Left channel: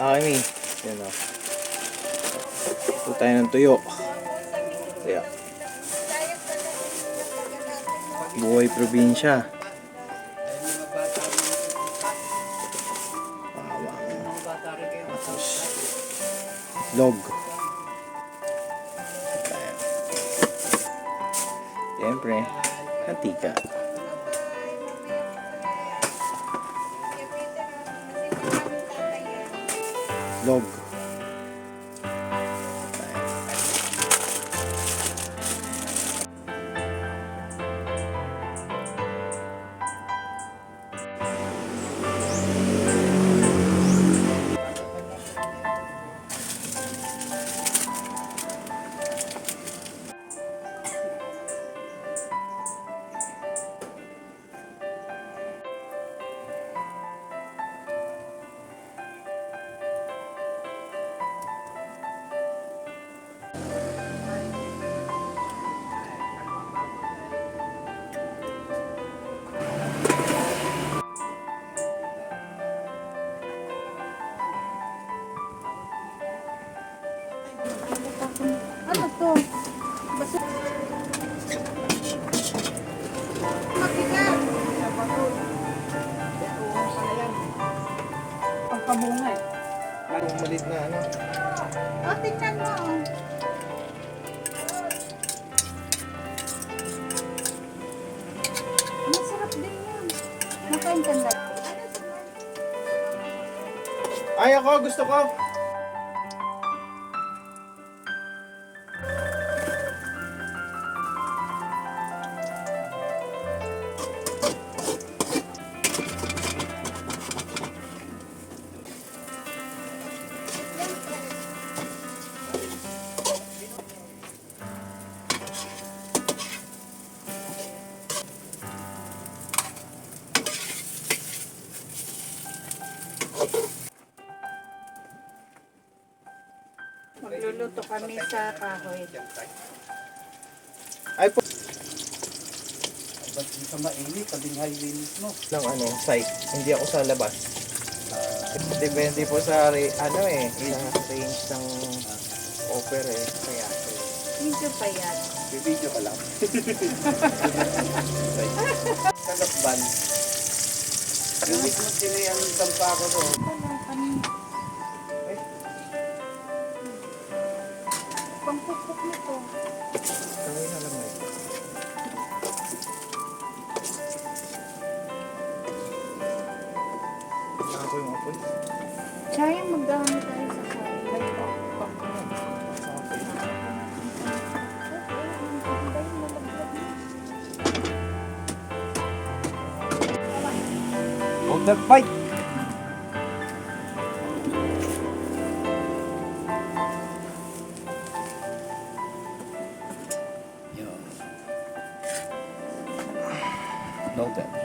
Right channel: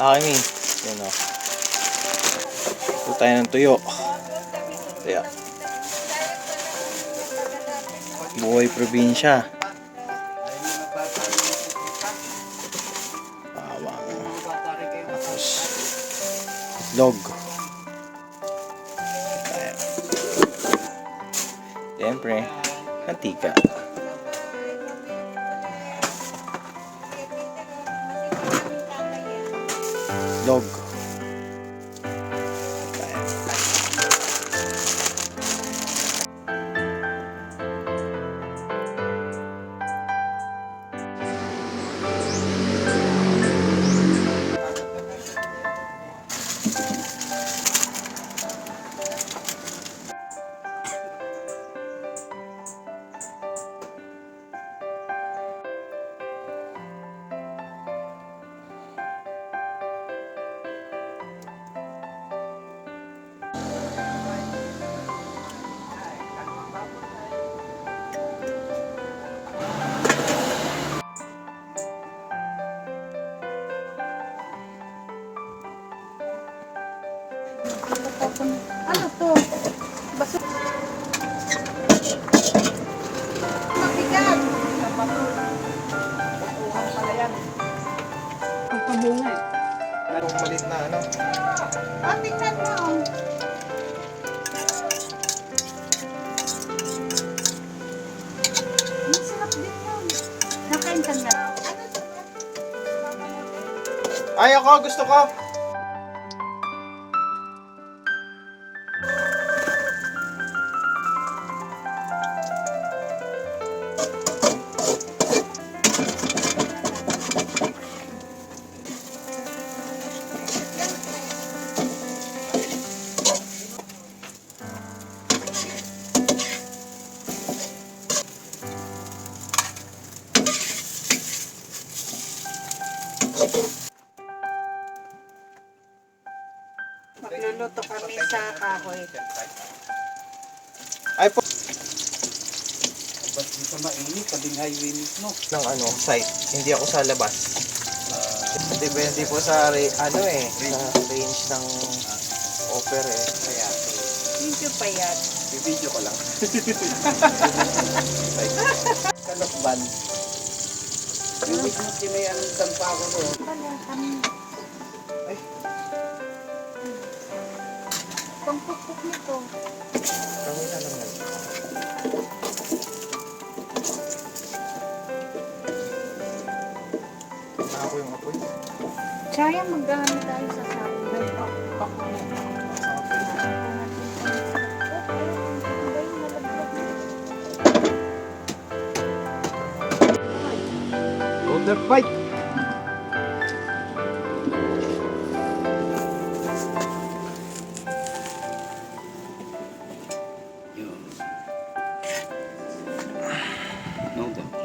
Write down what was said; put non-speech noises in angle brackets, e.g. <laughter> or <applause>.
Okay, Mi. Yan o. Ito tayo ng tuyo. Kaya. Buhay probinsya. Bawang. Tapos, log. Ayan. Siyempre, kantika. Log. Ayan. Yung malit na ano. O, tingnan mo. Masarap din yun. Nakain ka na. Ay, ako, gusto ko. Magluluto kami sa kahoy. Ay po. Ba't dito mainit? Tabing highway mismo. ng ano, site. Hindi ako sa labas. Depende po sa ano eh, sa range ng offer eh. Kaya Medyo payat. Bibidyo ko lang. <laughs> kalokban. Hindi mo tinayang pa ako doon. Ay. Pangpukpuk nito. Kami na lang. Na ako yung apoy. Sayang magdami tayo sa sabi. Pak na. Sa apoy. of the fight. No doubt.